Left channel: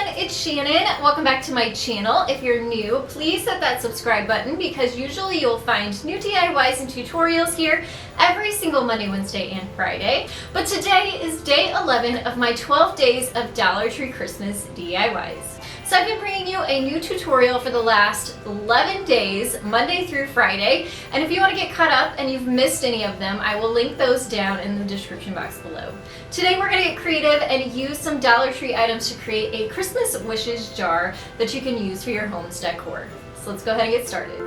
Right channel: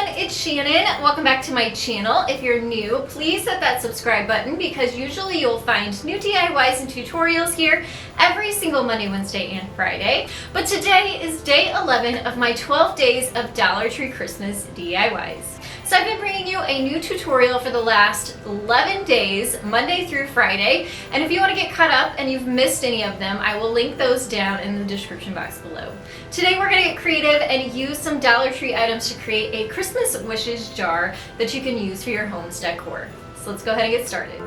everyone, it's Shannon. Welcome back to my channel. If you're new, please hit that subscribe button because usually you'll find new DIYs and tutorials here every single Monday, Wednesday, and Friday. But today is day 11 of my 12 days of Dollar Tree Christmas DIYs. So I've been bringing you a new tutorial for the last 11 days, Monday through Friday. And if you want to get caught up and you've missed any of them, I will link those down in the description box below. Today we're going to get creative and use some Dollar Tree items to create a Christmas wishes jar that you can use for your home's decor. So let's go ahead and get started.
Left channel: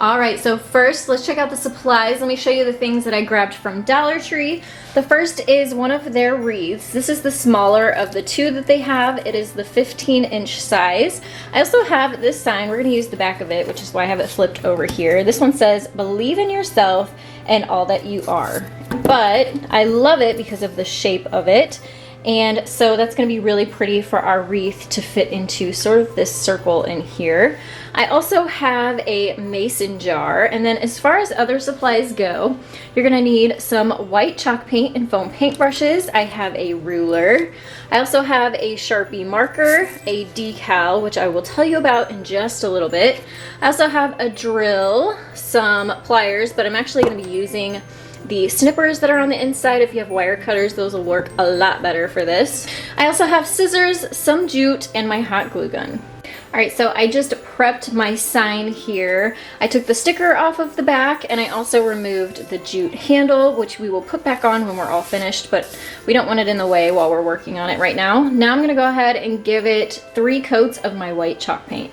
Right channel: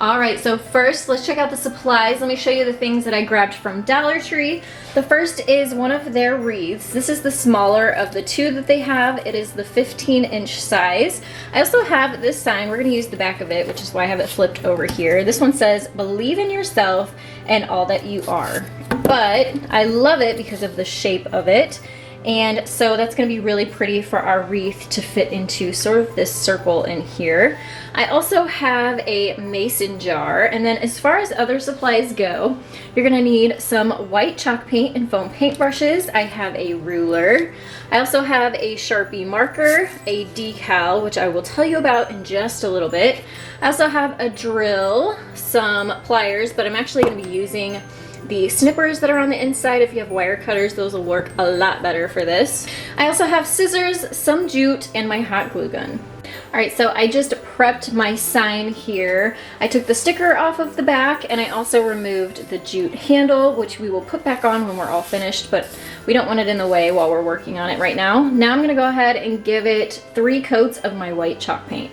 Alright, so first let's check out the supplies. Let me show you the things that I grabbed from Dollar Tree. The first is one of their wreaths. This is the smaller of the two that they have. It is the 15-inch size. I also have this sign. We're going to use the back of it, which is why I have it flipped over here. This one says, "Believe in yourself and all that you are." But I love it because of the shape of it. And so that's going to be really pretty for our wreath to fit into sort of this circle in here. I also have a mason jar, and then as far as other supplies go, you're going to need some white chalk paint and foam paintbrushes. I have a ruler. I also have a Sharpie marker, a decal, which I will tell you about in just a little bit. I also have a drill, some pliers, but I'm actually going to be using the snippers that are on the inside. If you have wire cutters, those will work a lot better for this. I also have scissors, some jute, and my hot glue gun. Alright, so I just prepped my sign here. I took the sticker off of the back and I also removed the jute handle, which we will put back on when we're all finished, but we don't want it in the way while we're working on it right now. Now I'm going to go ahead and give it 3 coats of my white chalk paint.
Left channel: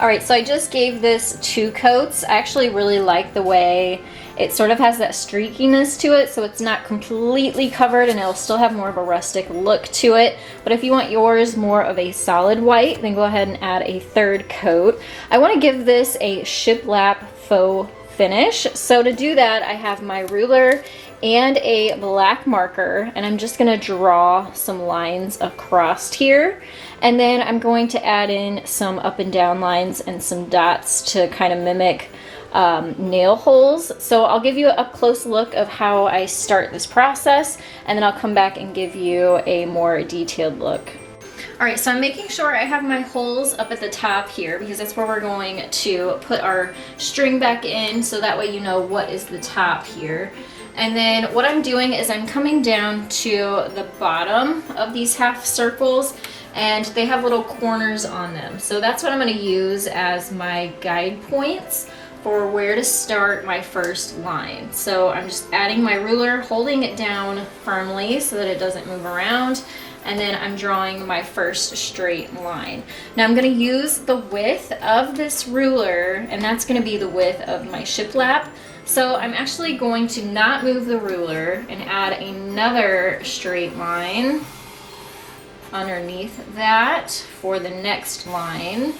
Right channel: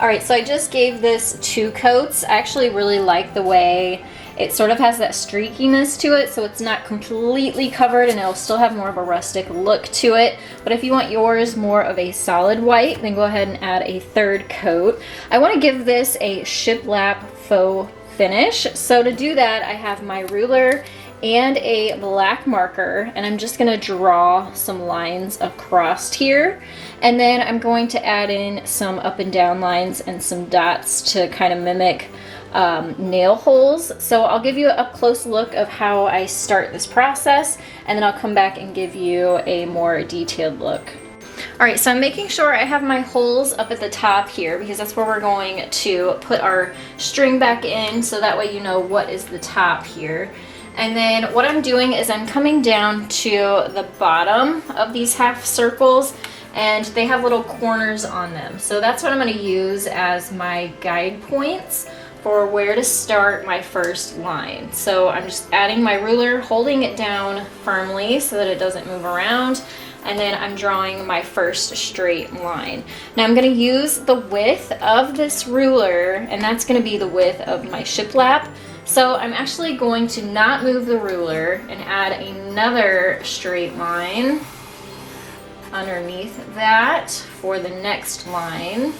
Alright, so I just gave this 2 coats. I actually really like the way it sort of has that streakiness to it, so it's not completely covered and it'll still have more of a rustic look to it. But if you want yours more of a solid white, then go ahead and add a 3rd coat. I want to give this a shiplap faux finish. So to do that, I have my ruler and a black marker, and I'm just going to draw some lines across here, and then I'm going to add in some up and down lines and some dots to kind of mimic nail holes. So I'll give you an up close look of how I start this process, and then I'll come back and give you a more detailed look. Alright, so I'm making sure I have my holes up at the top here because that's where we're going to put our string back in, so that way you know what is the top here. And then what I'm doing is I'm coming down to the bottom of these half circles, and they have little corners on them. So that's what I'm going to use as my guide points for where to start my first line. So I'm just adding my ruler, holding it down firmly so that it doesn't move around, and then I'm drawing my first straight line. Now I'm going to use the width of this ruler, and that's going to be the width of my shiplap. So I'm actually going to not move the ruler and add another straight line underneath that for the next line.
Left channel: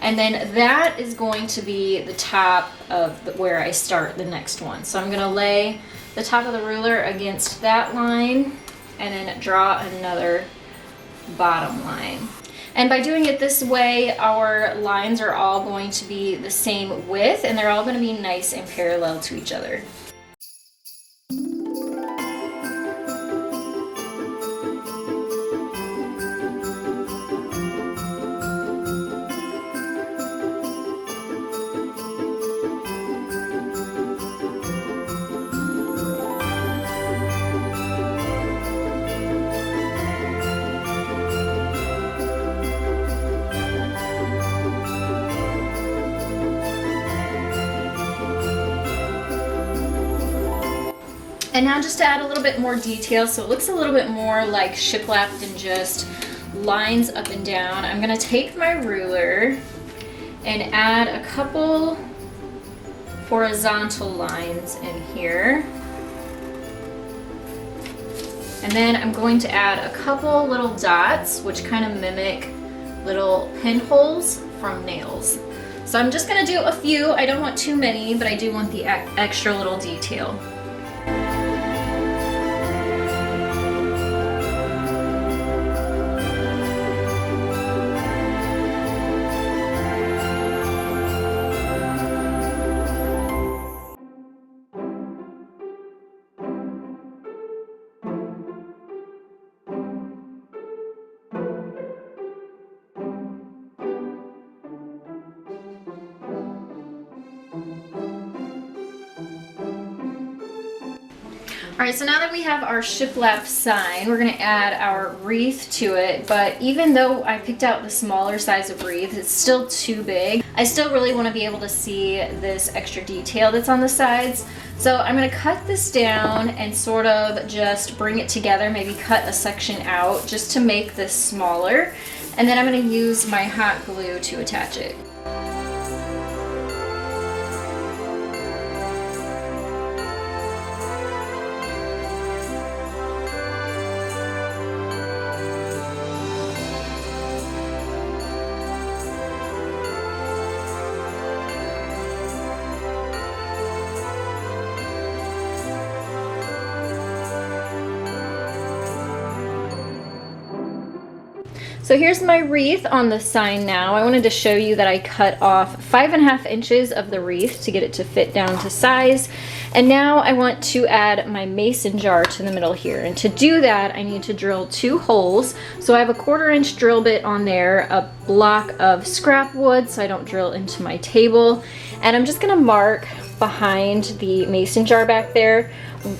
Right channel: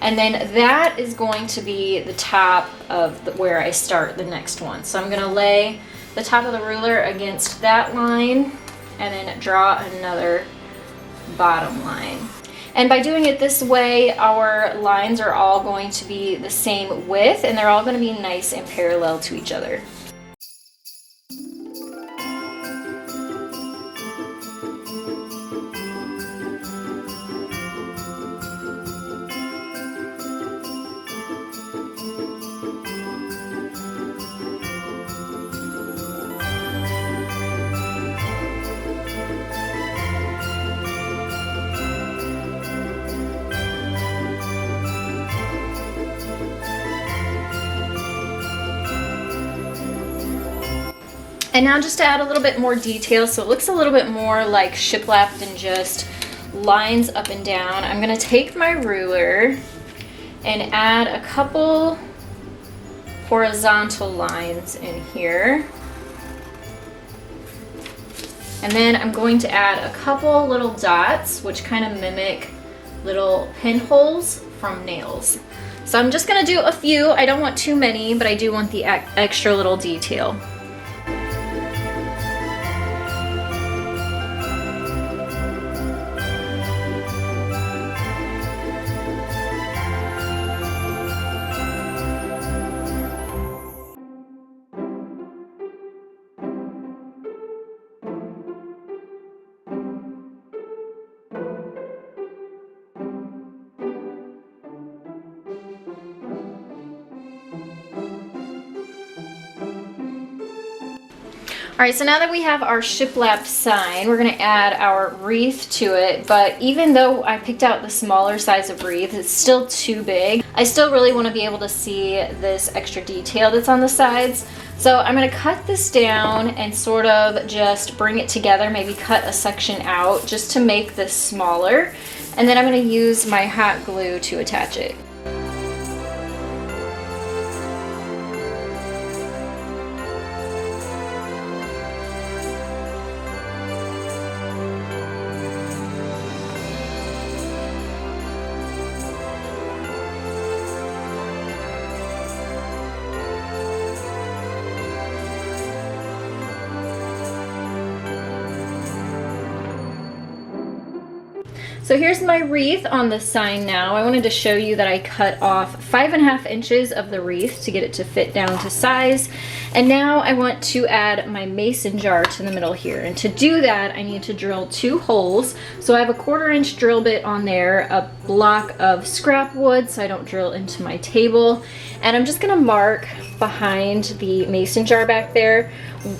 And then that is going to be the top of where I start the next one. So I'm going to lay the top of the ruler against that line and then draw another bottom line. And by doing it this way, our lines are all going to be the same width, and they're all going to be nice and parallel to each other. And now just to add a little bit more detail, so it looks a little bit more like shiplap than just lines up and down, I'm going to take my ruler and add a couple horizontal lines in here. And then I'm going to add a couple little dots, which kind of mimic little pinholes from nails. So I'm just gonna do a few. I don't want too many, but I do want the extra little detail. All right, so now that we have our shiplap sign, we're gonna add our wreath to it, but even though I picked out the smaller size of wreath, it's still too big. I still really wanna be able to see this extra detail that's on the sides. So I'm gonna cut this down and sort of just bring it together, maybe cut a section out just to make this smaller. And then I'm gonna use my hot glue to attach it. So here's my wreath on the sign now. I wanted to show you that I cut off 5.5 inches of the wreath to get it to fit down to size. And now I want to add my mason jar to the middle here. And to do that, I need to drill 2 holes. So I have a 1/4 inch drill bit on there, a block of scrap wood so I don't drill into my table. And I'm just gonna mark behind the mason jar back there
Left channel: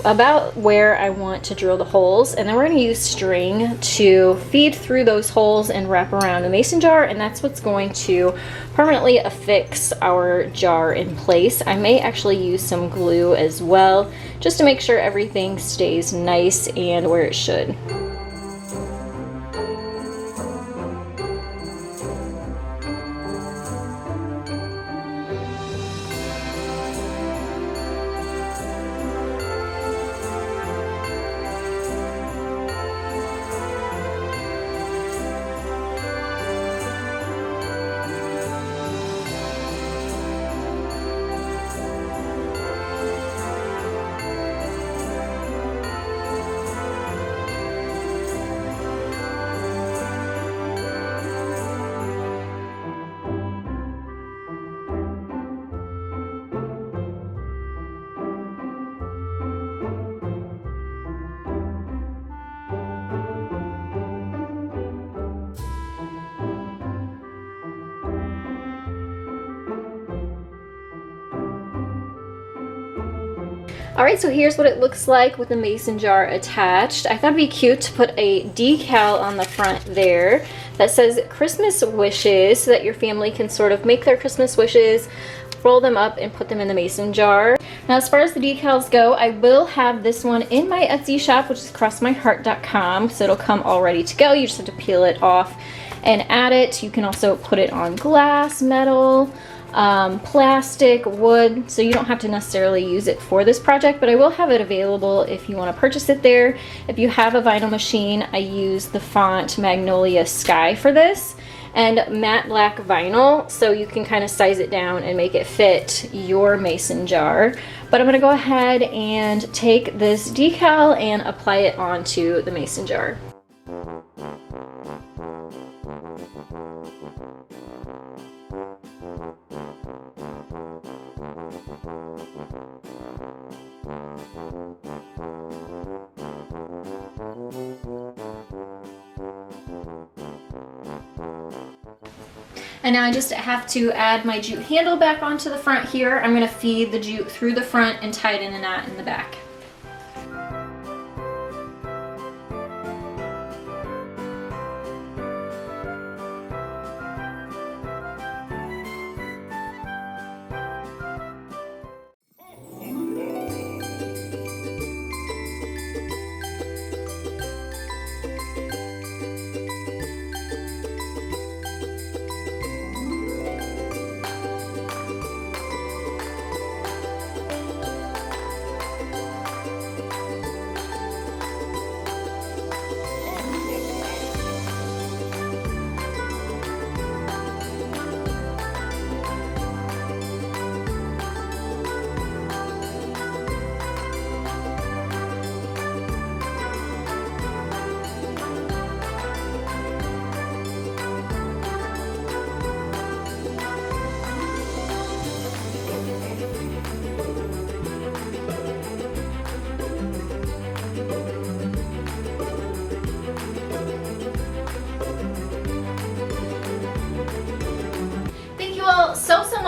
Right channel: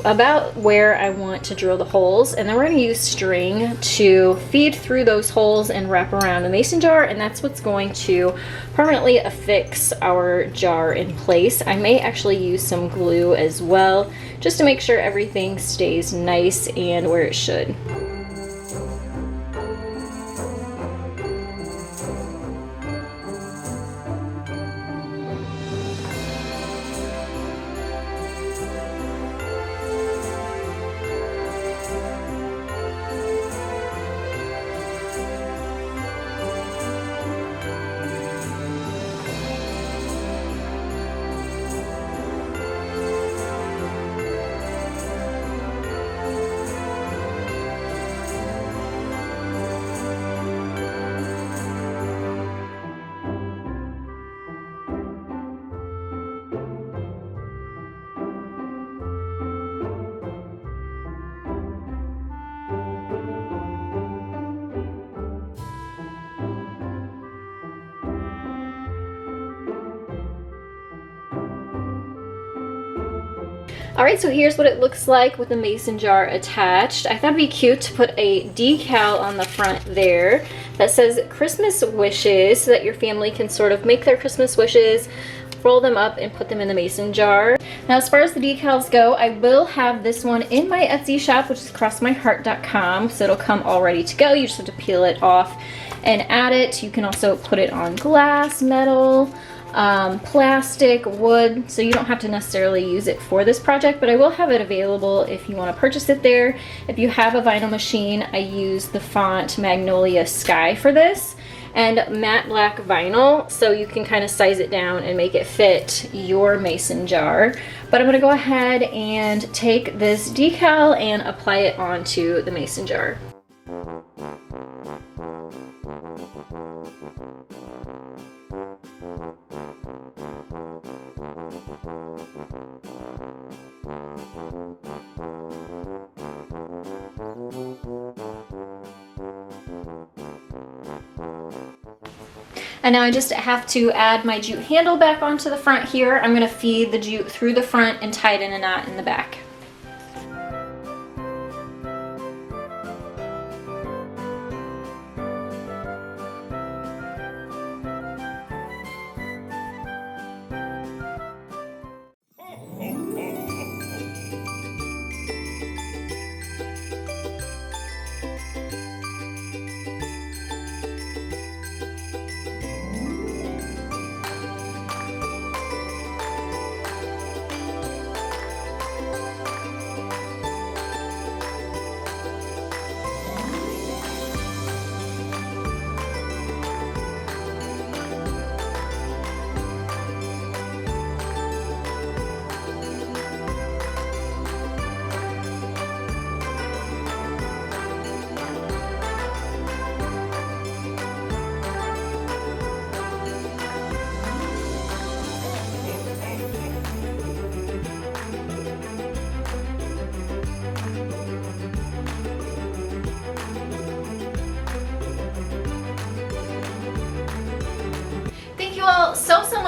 about where I want to drill the holes, and then we're going to use string to feed through those holes and wrap around the mason jar, and that's what's going to permanently affix our jar in place. I may actually use some glue as well just to make sure everything stays nice and where it should. Alright, so here's what it looks like with the mason jar attached. I thought it'd be cute to put a decal on the front there that says Christmas wishes so that your family can sort of make their Christmas wishes, roll them up, and put them in the mason jar. Now, as far as the decals go, I will have this one in my Etsy shop, which is crossmyheart.com, so it'll come all ready to go. You just have to peel it off and add it. You can also put it on glass, metal, plastic, wood, so you don't have to necessarily use it for this project, but I will have it available if you want to purchase it there. If you have a vinyl machine, I use the font Magnolia Sky for this, and matte black vinyl, so you can kind of size it down and make it fit your mason jar. But I'm going to go ahead and take this decal and apply it onto the mason jar. And now I just have to add my jute handle back onto the front here. I'm going to feed the jute through the front and tie it in a knot in the back.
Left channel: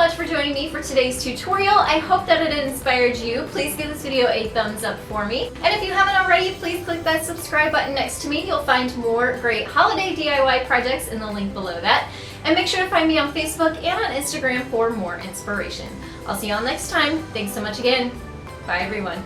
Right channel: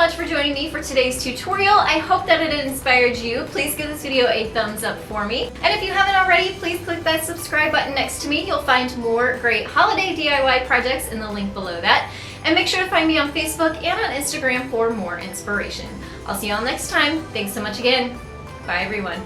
much for joining me for today's tutorial. I hope that it inspired you. Please give this video a thumbs up for me. And if you haven't already, please click that subscribe button next to me. You'll find more great holiday DIY projects in the link below that. And make sure to find me on Facebook and on Instagram for more inspiration. I'll see you all next time. Thanks so much again. Bye everyone.